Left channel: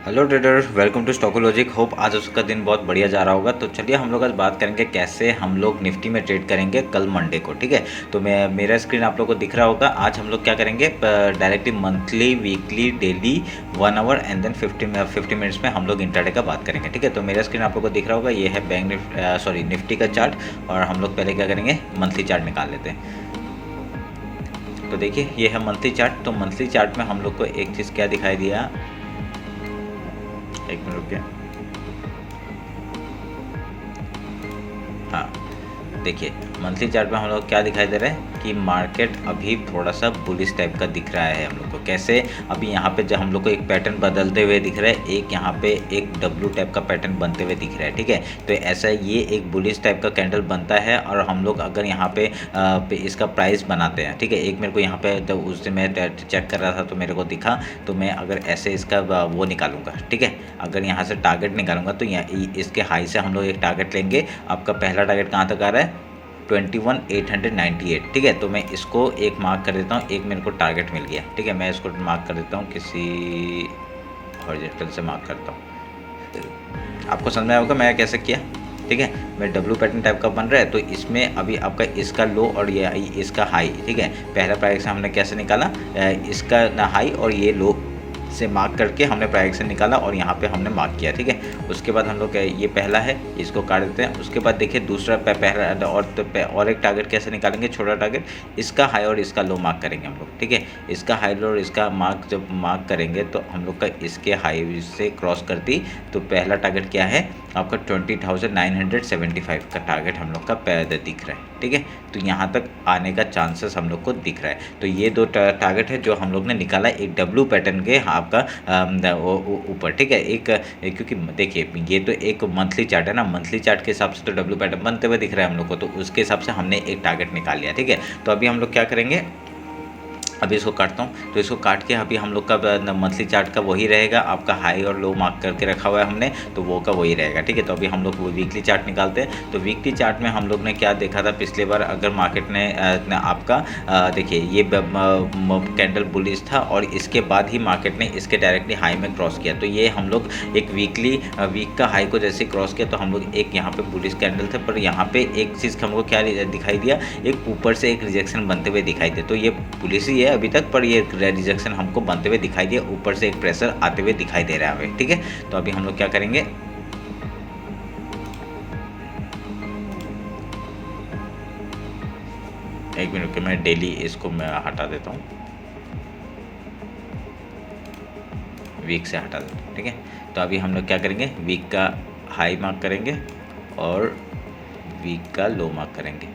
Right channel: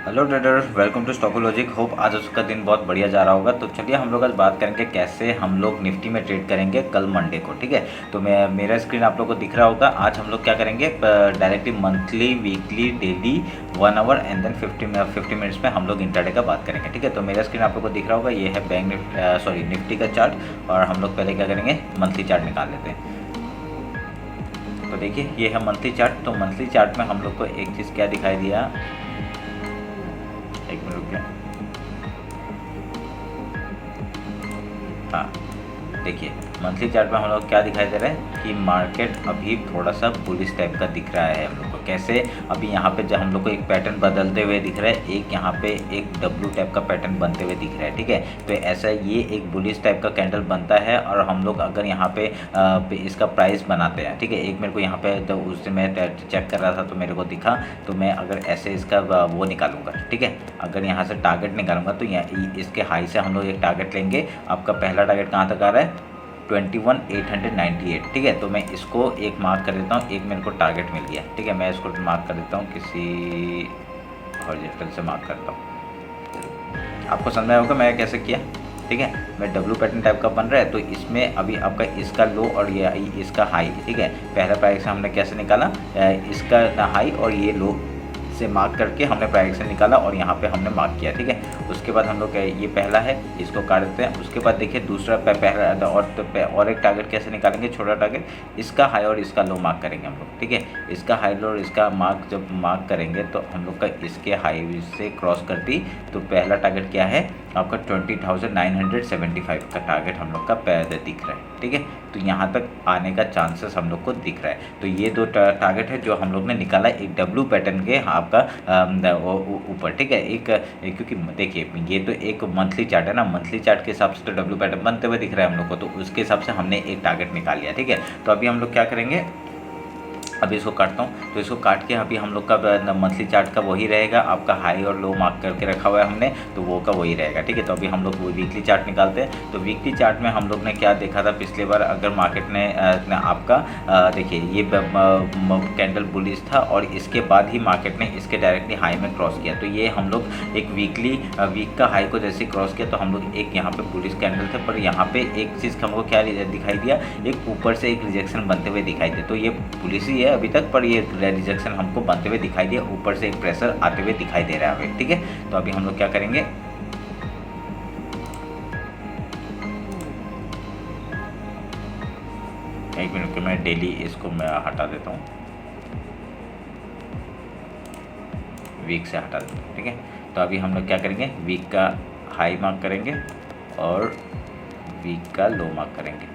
Hello traders, welcome to Stockologic. Hope आज उसका दिन बहुत बढ़िया जा रहा होगा। तो चलिए हम लोग आज बात करेंगे कैसे हम लोग निफ्टी में ट्रेड करेंगे कल मंडे को। ठीक है, तो मैं मेरा स्क्रीन आप लोग को दिख रहा होगा। आज हम लोग क्या करेंगे, directly monthly, weekly, daily, 1 hour and then 50 minutes में हम लोग इंट्राडे का बात करेंगे। ठीक है, तो मेरा स्क्रीन आप लोग को दिख रहा होगा। ये है निफ्टी का चार्ट। और हम लोग पहले क्या करेंगे, मंथली चार्ट निकाल लेते हैं। तो देखिए ये है मंथली चार्ट। तो मंथली चार्ट में हम लोग को एक चीज़ क्या दिखाई दिया, एक मिनट रुकिए। हाँ, देखिए मंथली चार्ट में हम लोग क्या दिखाई दे रहा है कि मार्केट अभी थोड़ा सा बुलिश टाइप का दिख रहा है हम लोग को। कैसे, अभी यहाँ पे जब हम लोग को एक पैटर्न बदलते हुए दिख रहा है, एक यहाँ पे एक डब्लू टाइप का पैटर्न बनते हुए दिख रहा है। ठीक है, तो ऐसा ये एक बुलिश टाइप का कैंडल बनता है। और हम लोग अगर यहाँ पे इसका प्राइस बनाते हैं, ठीक है, एक मेरे को यहाँ पे तो उस दिन मैं चेक कर रहा था तो मेरे को दिखा, तो मैं अगर ऐसे इसका वो निकालूंगा, ठीक है, अगर यहाँ से टारगेट निकालूंगा तो इसके हाई से हम लोग एक टारगेट लेंगे। आपका पहला टारगेट कहाँ तक आ रहा है, 21,898। ठीक है, तो मैं इसको एक मार्क कर देता हूँ। एक मेरे को टारगेट मिल गया। ठीक है, मैं इसको मार्क कर देता हूँ, किसी हॉरिजॉन्टल से मार्क करता हूँ। आपको समझ में आया होगा मैं कैसे किया। ठीक है, मैं डब्लू पैटर्न टाइप का बन रहा है, तो इसमें अभी आपका इसका लो और ये इसका हाई। ठीक है, पहला प्राइस हमने कैसे निकाला, इसका हाई और ये लो से मार्क करके हमने प्राइस निकाला और यहाँ पे हमने मार्क किया। ठीक है, उसके बाद हम लोग ये पहला है, इसको काट देते हैं। उसके बाद देखिए दूसरा पहला और एक टारगेट कैसे निकालेंगे, छोटा टारगेट, इसका हाई और इसका लो मार्क करेंगे हम लोग। ठीक है, इसका हाई लो और इसका मार्क जब मार्क करेंगे तो हम लोग का इसके हाई से क्रॉस करती, तो पहला टारगेट क्या है आपका 20,975 का टारगेट हम लोग का दिख रहा है। ठीक है, तो यहाँ तक आने का चांसेस हम लोग को दिख रहा है। तो ये दो टारगेट है जो हम लोग ने निकाला, एक डब्लू पैटर्न के आपका ऊपर। ठीक है, क्योंकि देखिए ये तो एक मंथली चार्ट है ना, मंथली चार्ट के हिसाब से तो डब्लू पैटर्न बनते हुए दिख रहा है हम लोग को, तो उसके हिसाब से हमने एक टारगेट निकाल लिया। ठीक है, तो अभी हम लोग क्या करेंगे, अभी इसको काटता हूँ। तो इसको काट के अभी हम लोग का मंथली चार्ट का वही रहेगा, आपका हाई और लो मार्क करके रखा हुआ है हमने, तो वो का वही रहेगा। ठीक है, तो अभी हम लोग वीकली चार्ट निकालते हैं। तो वीकली चार्ट में हम लोग ने क्या देखा था पिछले बार, अगर मार्केट ने आपका देखिए ये कैंडल बुलिश था और इसके बाद ही मार्केट ने इसके डायरेक्टली हाई में क्रॉस किया। तो ये हम लोग एक वीक का हाई को जैसे क्रॉस किया तो हम लोग एक यहाँ पे बुलिश कैंडल थे, पर यहाँ पे एक चीज़ हमको क्या दिखाई दिया, एक ऊपर से एक रिजेक्शन बनते हुए दिखाई दे। तो ये पुलिस ही है अभी तक, पर ये रिजेक्शन हमको बनते हुए दिखाई दिया, ऊपर से एक प्रेशर आते हुए दिखाई दे रहा है अभी। ठीक है, तो अभी हम लोग क्या करेंगे, एक मिनट के मैं डेली इसको मैं हटा देता हूँ, वीक से हटा देता हूँ। ठीक है, तो अभी हम लोग क्या करेंगे, वीक का हाई मार्क करेंगे और वीक का लो मार्क करेंगे।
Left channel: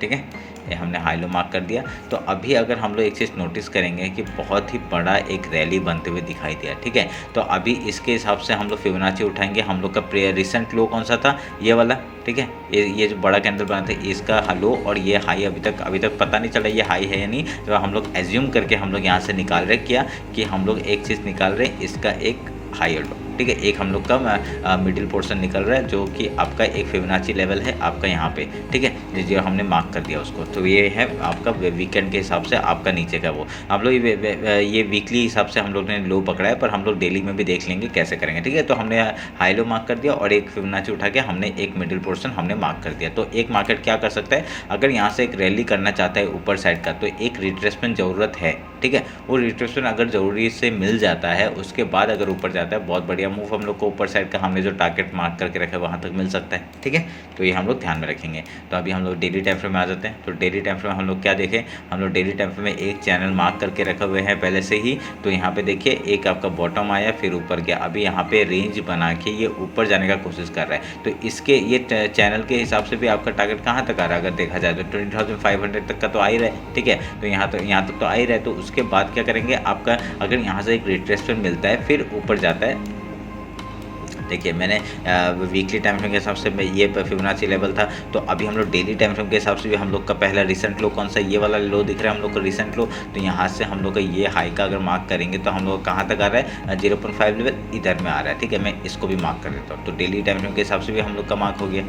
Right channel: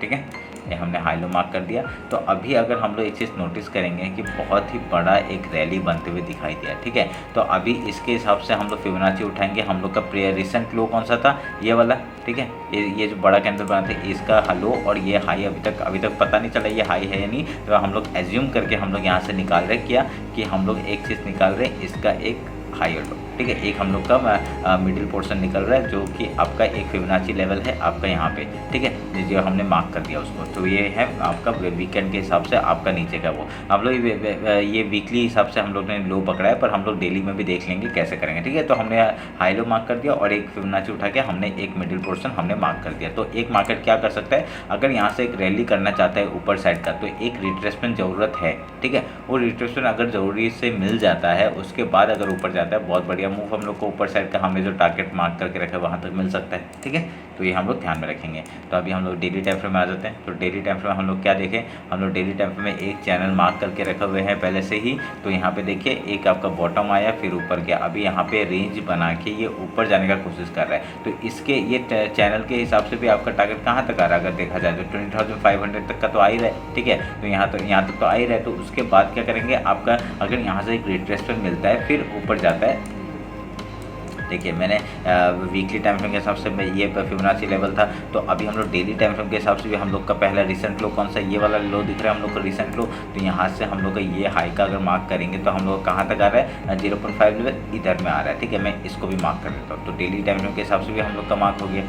ठीक है, ये हमने हाई लो मार्क कर दिया। तो अभी अगर हम लोग एक चीज़ नोटिस करेंगे कि बहुत ही बड़ा एक रैली बनते हुए दिखाई दिया। ठीक है, तो अभी इसके हिसाब से हम लोग फिबोनाची उठाएंगे। हम लोग का रिसेंट लो कौन सा था, ये वाला। ठीक है, ये जो बड़ा कैंडल बना था इसका लो और ये हाई अभी तक पता नहीं चला ये हाई है या नहीं। तो हम लोग एज्यूम करके हम लोग यहाँ से निकाल रहे क्या कि हम लोग एक चीज़ निकाल रहे, इसका एक हाई और लो। ठीक है, एक हम लोग का मिडिल पोर्शन निकल रहा है जो कि आपका एक फिबोनाची लेवल है आपका यहाँ पे। ठीक है, जो हमने मार्क कर दिया उसको, तो ये है आपका वीकेंड के हिसाब से आपका नीचे का वो। हम लोग ये वीकली हिसाब से हम लोग ने लो पकड़ा है, पर हम लोग डेली में भी देख लेंगे कैसे करेंगे। ठीक है, तो हमने हाई लो मार्क कर दिया और एक फिबोनाची उठा के हमने एक मिडिल पोर्शन हमने मार्क कर दिया। तो एक मार्केट क्या कर सकता है, अगर यहाँ से एक रैली करना चाहता है ऊपर साइड का, तो एक रिट्रेसमेंट ज़रूरत है। ठीक है, वो रिट्रेसमेंट अगर ज़रूरी से मिल जाता है, उसके बाद अगर ऊपर जाता है, बहुत बढ़िया मूव हम लोग को ऊपर साइड का हमने जो टारगेट मार्क करके रखा है वहाँ तक मिल सकता है। ठीक है, तो ये हम लोग ध्यान में रखेंगे। तो अभी हम लोग डेली टाइम फ्रेम में आ जाते हैं। तो डेली टाइम फ्रेम में हम लोग क्या देखें, हम लोग डेली टाइम फ्रेम में एक चैनल मार्क करके रखे हुए हैं पहले से ही। तो यहाँ पे देखिए एक आपका बॉटम आया फिर ऊपर गया, अभी यहाँ पे रेंज बना के ये ऊपर जाने का कोशिश कर रहा है। तो इसके ये चैनल के हिसाब से भी आपका टारगेट कहाँ तक आ रहा है, अगर देखा जाए तो 20,500 तक का तो आ ही रहा है। ठीक है, तो यहाँ तक तो आ ही रहा है। तो उसके बाद क्या करेंगे, आपका अगर यहाँ से एक रिट्रेसमेंट मिलता है फिर ऊपर जाता है। देखिए मैंने वीकली टाइम फ्रेम के हिसाब से ये फिबोनाची लेवल था, तो अभी हम लोग डेली टाइम फ्रेम के हिसाब से भी हम लोग का पहला रिसेंट लो कौन सा, ये वाला लो दिख रहा है हम लोग को रिसेंट लो। तो यहाँ से हम लोग का ये हाई का अगर मार्क करेंगे तो हम लोग कहाँ तक आ रहा है, 0.5 लेवल इधर में आ रहा है। ठीक है, मैं इसको भी मार्क कर देता हूँ। तो डेली टाइम फ्रेम के हिसाब से भी हम लोग का मार्क हो गया।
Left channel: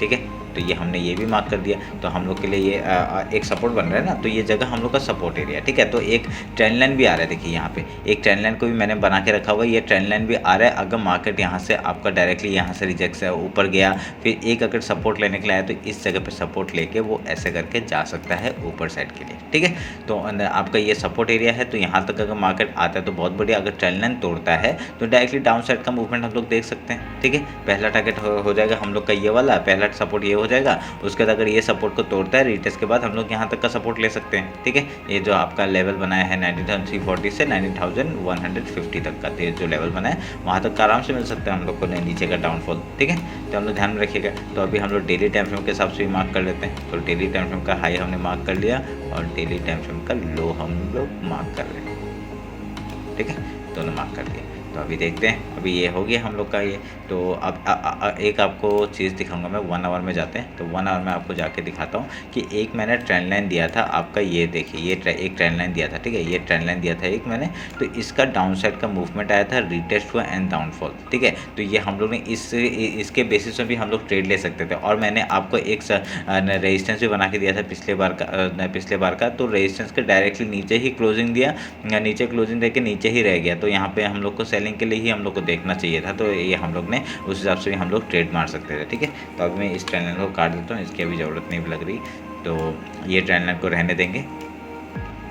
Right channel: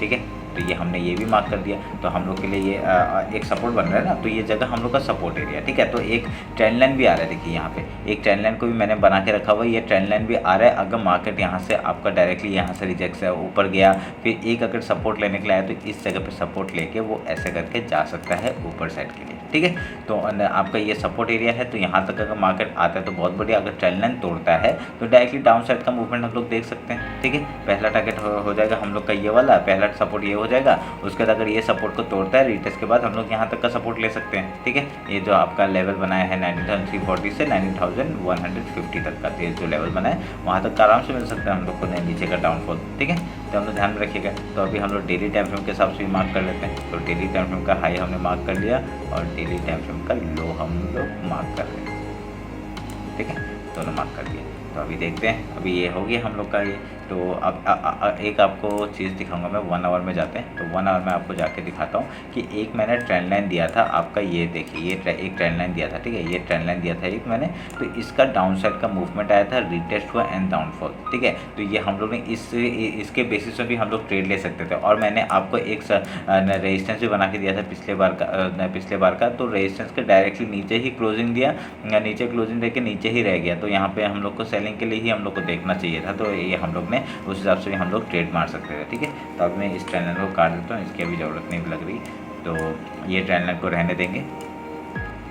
ठीक है, तो ये हमने ये भी मार्क कर दिया। तो हम लोग के लिए ये एक सपोर्ट बन रहा है ना, तो ये जगह हम लोग का सपोर्ट एरिया, ठीक है। तो एक ट्रेंड लाइन भी आ रहा है, देखिए यहाँ पे एक ट्रेंड लाइन को भी मैंने बना के रखा हुआ है, ये ट्रेंड लाइन भी आ रहा है। अगर मार्केट यहाँ से आपका डायरेक्टली यहाँ से रिजेक्ट से ऊपर गया, फिर एक अगर सपोर्ट लेने के लिए आया, तो इस जगह पे सपोर्ट लेके वो ऐसे करके जा सकता है ऊपर साइड के लिए, ठीक है। तो आपका ये सपोर्ट एरिया है, तो यहाँ तक अगर मार्केट आता है तो बहुत बढ़िया। अगर ट्रेंड लाइन तोड़ता है तो डायरेक्टली डाउन साइड का मूवमेंट हम लोग देख सकते हैं, ठीक है। पहला टारगेट हो जाएगा हम लोग का ये वाला, पहला सपोर्ट ये हो जाएगा। उसके बाद अगर ये सपोर्ट को तोड़ता है रीटेस्ट के बाद, हम लोग यहाँ तक का सपोर्ट ले सकते हैं, ठीक है। ये जो आपका लेवल बनाया है 19,340 से 19,150 तक का जो लेवल बना है, वहाँ तक का आराम से मिल सकता है हम लोग को नीचे का डाउनफॉल, ठीक है। तो हम लोग ध्यान में रखिएगा। तो अभी हम लोग डेली टाइम फ्रेम के हिसाब से भी मार्क कर लेते हैं। तो डेली टाइम फ्रेम का हाई हमने मार्क कर लिया और डेली टाइम फ्रेम का लो हम लोग मार्क कर रहे हैं, ठीक है। दोनों मार्क कर दिया। तो अभी देखते हैं, अभी ये हो गया हम लोग का ये। तो अब एक आपको चीज़ दिखाऊंगा मैं, 1 आवर में जाते हैं। तो 1 आवर में आपको जाके दिखाता हूँ कि एक मैंने ट्रेंड लाइन दिया था आपका, ये देखिए ये एक ट्रेंड लाइन दिया था, ठीक है। ये ट्रेंड लाइन दिया था एक मैंने, तो इसका डाउन साइड का मूवमेंट आया था, रिटेस्ट हुआ एंड डाउनफॉल, ठीक है। तो ये हम लोग ने इसके बेसिस में भी हम लोग ट्रेड ले सकते थे। और मैंने आपको एक रेजिस्टेंस भी बना के दिया था पिछले बार का। तो रेजिस्टेंस के डायरेक्टली नीचे ही क्लोजिंग दिया, नीचे क्लोजिंग दे के नीचे ही रह गया। तो यहाँ पे हम लोग को सेलिंग के लिए ही हम लोग को देखना चाहिए था। तो ये हम लोग ने उस हिसाब से हम लोग ट्रेड मार सकते थे, ठीक है। तो अब मैं इस ट्रेंड लाइन को काट देता हूँ, इसकी अभी ज़रूरत नहीं भी लग रही। तो ये ट्रेंड लाइन को रहने देंगे।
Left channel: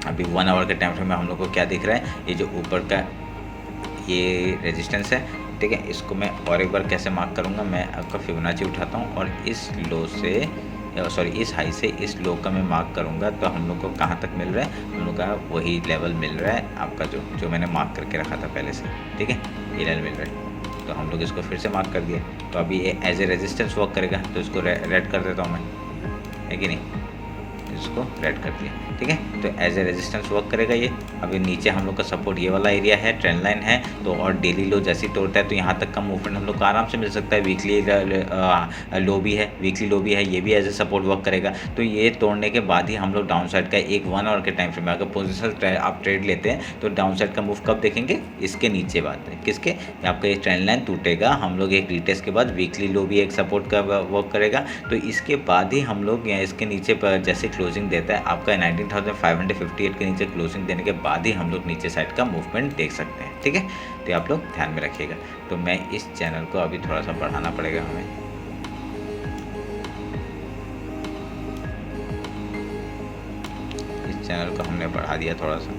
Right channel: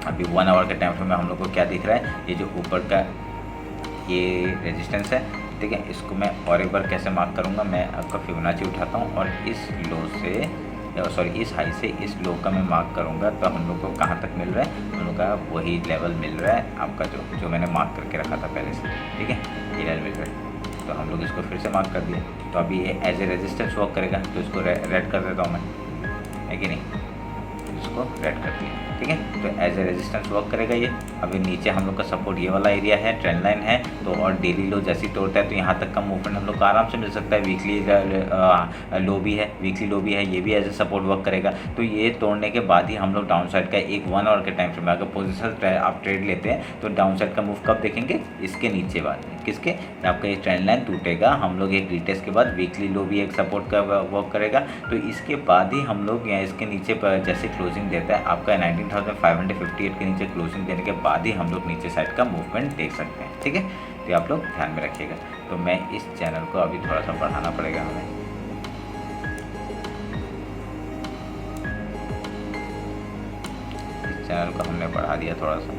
अभी 1 आवर के टाइम फ्रेम में हम लोग को क्या दिख रहा है, ये जो ऊपर का ये रेजिस्टेंस है, ठीक है। इसको मैं और एक बार कैसे मार्क करूँगा, मैं आपका फिबोनाची उठाता हूँ और इस लो से इस हाई से इस लो का मैं मार्क करूँगा। तो हम लोग को कहाँ तक मिल रहा है, हम लोग का वही लेवल मिल रहा है आपका जो मैंने मार्क करके रखा था पहले से, ठीक है। ये लेवल मिल रहा है, तो हम लोग इसको फिर से मार्क कर दिए। तो अभी ये एज ए रेजिस्टेंस वर्क करेगा, तो इसको रेड कर देता हूँ मैं, है कि नहीं। इसको रेड कर दिया, ठीक है। तो एज ए रेजिस्टेंस वर्क करेगा ये। अभी नीचे हम लोग का सपोर्ट ये वाला एरिया है, ट्रेंड लाइन है। तो और डेली लो जैसे ही तोड़ता है तो यहाँ तक का मूवमेंट हम लोग को आराम से मिल सकता है। वीकली लो भी है, वीकली लो भी है, ये भी एज ए सपोर्ट वर्क करेगा। तो ये तोड़ने के बाद ही हम लोग डाउन साइड का एक 1 आवर के टाइम फ्रेम में अगर पोजिशनल आप ट्रेड लेते हैं, तो डाउन साइड का मूव कब देखेंगे, इसके नीचे बाद में, किसके, आपका ये ट्रेंड लाइन टूटेगा, हम लोग एक रिटेस्ट के बाद वीकली लो भी एक सपोर्ट का वर्क करेगा। तो इसके बाद ही हम लोग यहाँ इसके नीचे पर जैसे क्लोजिंग देता है आपका 19,558 के नीचे क्लोजिंग देने के बाद ही हम लोग नीचे साइड का मूवमेंट देख सकते हैं, ठीक है। तो आप लोग ध्यान में रखिएगा। तो मैं इस चैनल को अभी थोड़ा सा बढ़ाना पड़ेगा हमें। इस चैनल को हमने बढ़ा दिया थोड़ा सा,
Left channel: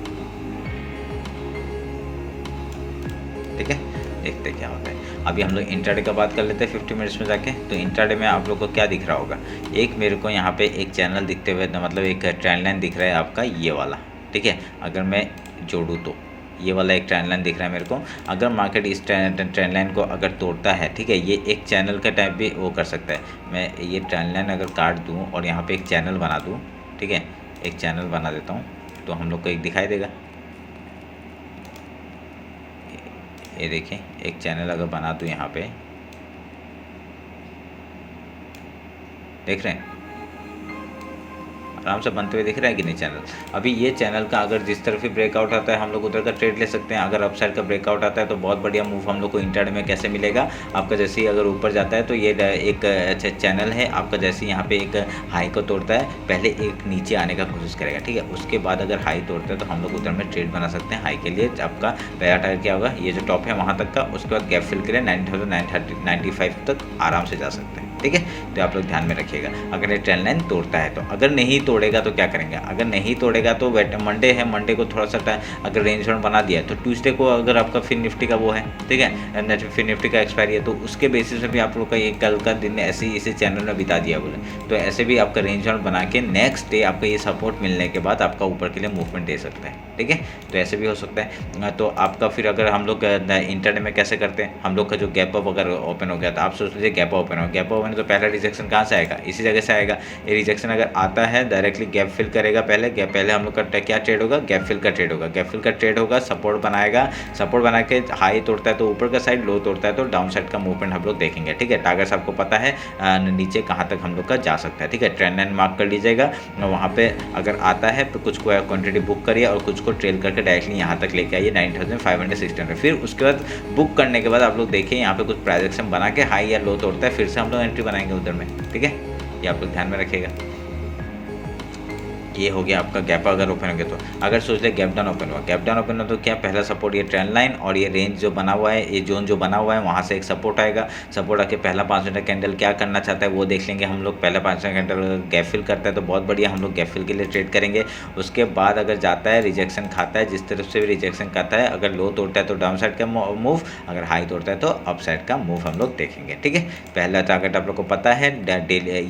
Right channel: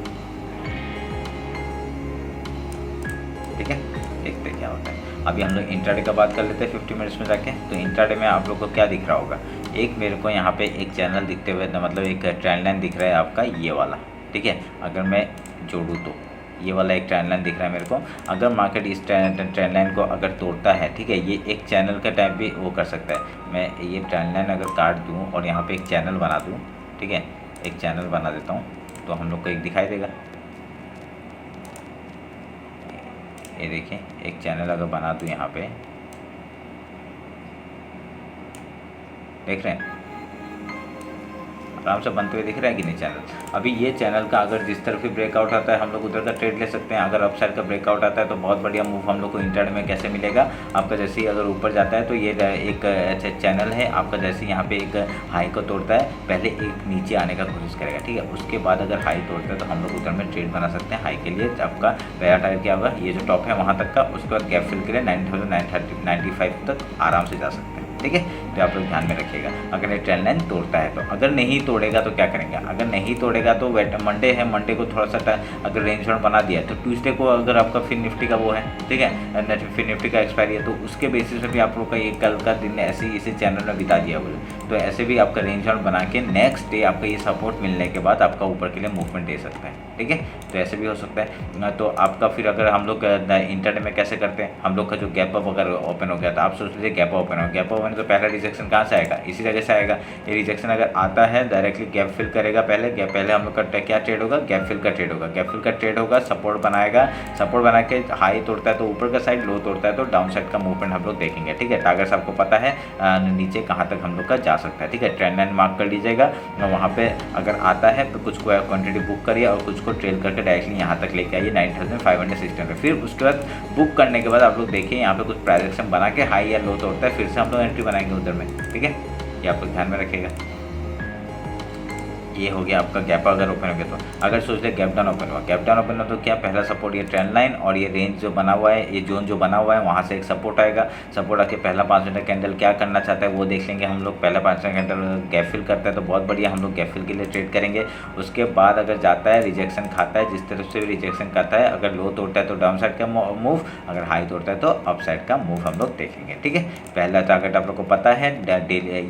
ठीक है। देखते क्या होता है। अभी हम लोग इंट्राडे का बात कर लेते हैं 50 मिनट्स में जाके। तो इंट्राडे में आप लोग को क्या दिख रहा होगा, एक मेरे को यहाँ पे एक चैनल दिखते हुए, मतलब एक ट्रेंड लाइन दिख रहा है आपका ये वाला, ठीक है। अगर मैं जोड़ूँ तो ये वाला एक ट्रेंड लाइन दिख रहा है मेरे को। अगर मार्केट इस ट्रेंड लाइन को अगर तोड़ता है, ठीक है, ये एक चैनल का टाइप भी वो कर सकता है। मैं ये ट्रेंड लाइन अगर काट दूँ और यहाँ पर एक चैनल बना दूँ, ठीक है, एक चैनल बना देता हूँ, तो हम लोग को एक दिखाई देगा। ये देखिए एक चैनल अगर बना दूँ यहाँ पे, देख रहे हैं आराम से बनते हुए दिख रहा है कि नहीं चैनल। अभी ये चैनल का अगर जिस तरफ ही ब्रेकआउट आता है हम लोग उधर का ट्रेड ले सकते हैं। अगर अपसाइड का ब्रेकआउट आता है तो बहुत बढ़िया मूव हम लोग को इंट्राडे में कैसे मिलेगा आपका, जैसे ही अगर ऊपर जाता है तो ये एक अच्छा चैनल है आपका, जैसे यहाँ पे एक हाई को तोड़ता है पहले एक नीचे आने का कोशिश करेगा, ठीक है। उसके बाद अगर हाई तोड़ता है तो हम लोग उधर में ट्रेड बना सकते हैं। हाई के लिए आपका पहला टारगेट क्या होगा, ये जो टॉप है वहाँ तक का, उसके बाद गैप फिल के लिए 9,995 तक आराम से जा सकते हैं, ठीक है। तो आप लोग ध्यान में रखिएगा। अगर ये ट्रेंड लाइन तोड़ता है तो, अगर नहीं तोड़ेगा तो क्या करेंगे, अगर नहीं तोड़ेगा तो मंडे है, मंडे को थोड़ा सा अगर रेंज बाउंड बना दिया है तो ट्यूसडे को अगर आपका फिर निफ्टी का वो है, ठीक है, फिर निफ्टी का एक्सपायरी है, तो उसके बेसिस में भी आप लोग का ये कल का दिन ऐसे ही इसे चैनल में बिता दिया बोले, तो ऐसे भी आपका रेंज बाउंड बना के नेक्स्ट डे आपका ये सपोर्ट मिलने के बाद आपका ऊपर के लिए मूवमेंट दे सकता है, ठीक है। तो ऐसे भी हो सकता है। तो आपका फिर अगर हम लोग इंटरडे में कैसे करते हैं, हम लोग का जो गैप अप अगर ओपन हो गया तो आप सोच लीजिए गैप ओपन हो, गैप ओपन तो पहला रिजेक्शन कहाँ से आएगा, इसी जगह से आएगा। ये रिजेक्शन अगर आता है डायरेक्टली गैप फिल करेगा, पहले हम लोग का क्या ट्रेड होगा, गैप फिल का ट्रेड होगा। गैप फिल का ट्रेड होगा, सपोर्ट बनाएगा, सपोर्ट बना के हाई तोड़ता है तो ऊपर का साइड, लो तोड़ता है तो डाउन साइड का मूवमेंट हम लोग देखेंगे, ठीक है। टारगेट्स आपको पता है नीचे कहाँ तक हम लोग का जा सकता है, ठीक है। ट्रेंड लाइन मार्क कर लीजिएगा, वहाँ पे अगर आता है तो कुछ को क्वांटिटी बुक करिए और कुछ को ट्रेल करके डायरेक्टली यहाँ तक लेके आइए 9,560 फिर उसके बाद बुक करने के बाद आप लोग देखिए यहाँ पे कुछ प्राइस एक्शन बना के हाई या लो तोड़ता है, फिर से हम लोग एंट्री बनाएंगे उधर में, ठीक है। ये आप लोग ध्यान में रखिएगा। ये हो गया आपका गैप अगर ओपन हो गया तो। अगर सोच ले गैप डाउन ओपन हुआ, गैप डाउन ओपन हुआ तो क्या पहला सपोर्ट ये ट्रेंड लाइन और ये रेंज जो बना हुआ है, ये जोन जो बना हुआ है वहाँ से एक सपोर्ट आएगा। सपोर्ट आके पहला 5 मिनट कैंडल क्या करना चाहता है वो देख लेंगे हम लोग। पहला 5 मिनट कैंडल गैप फिल करता है तो बहुत बढ़िया, हम लोग गैप फिल के लिए ट्रेड करेंगे। उसके बाद अगर जाता है रिजेक्शन खाता है, जिस तरफ से भी रिजेक्शन खाता है, अगर लो तोड़ता है तो डाउन साइड का मूव, अगर हाई तोड़ता है तो अप साइड का मूव हम लोग देखेंगे। ठीक है, पहला टारगेट आप लोग को पता है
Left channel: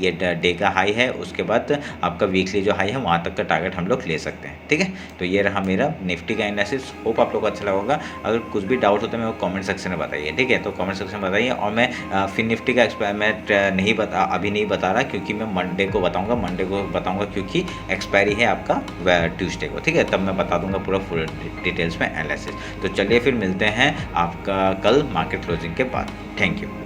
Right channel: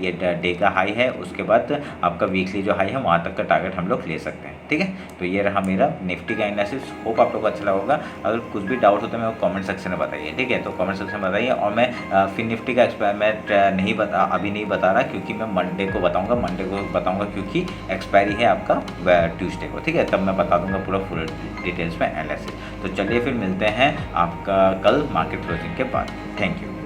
ये डे का हाई है, उसके बाद आपका वीकली जो हाई है वहाँ तक का टारगेट हम लोग ले सकते हैं। ठीक है, तो ये रहा मेरा निफ्टी का एनालिसिस। होप आप लोग को अच्छा लगा होगा। अगर कुछ भी डाउट होता है मेरे को कमेंट सेक्शन में बताइए। ठीक है, तो कमेंट सेक्शन में बताइए। और मैं फिर निफ्टी का एक्सपेरिमेंट अभी नहीं बता रहा, क्योंकि मैं मंडे को बताऊंगा क्योंकि एक्सपायरी है आपका ट्यूसडे को। ठीक है, तब मैं बता दूंगा पूरा फुल डिटेल्स में एनालिसिस। तो चलिए फिर मिलते हैं आपका कल मार्केट क्लोजिंग के बाद। Thank you.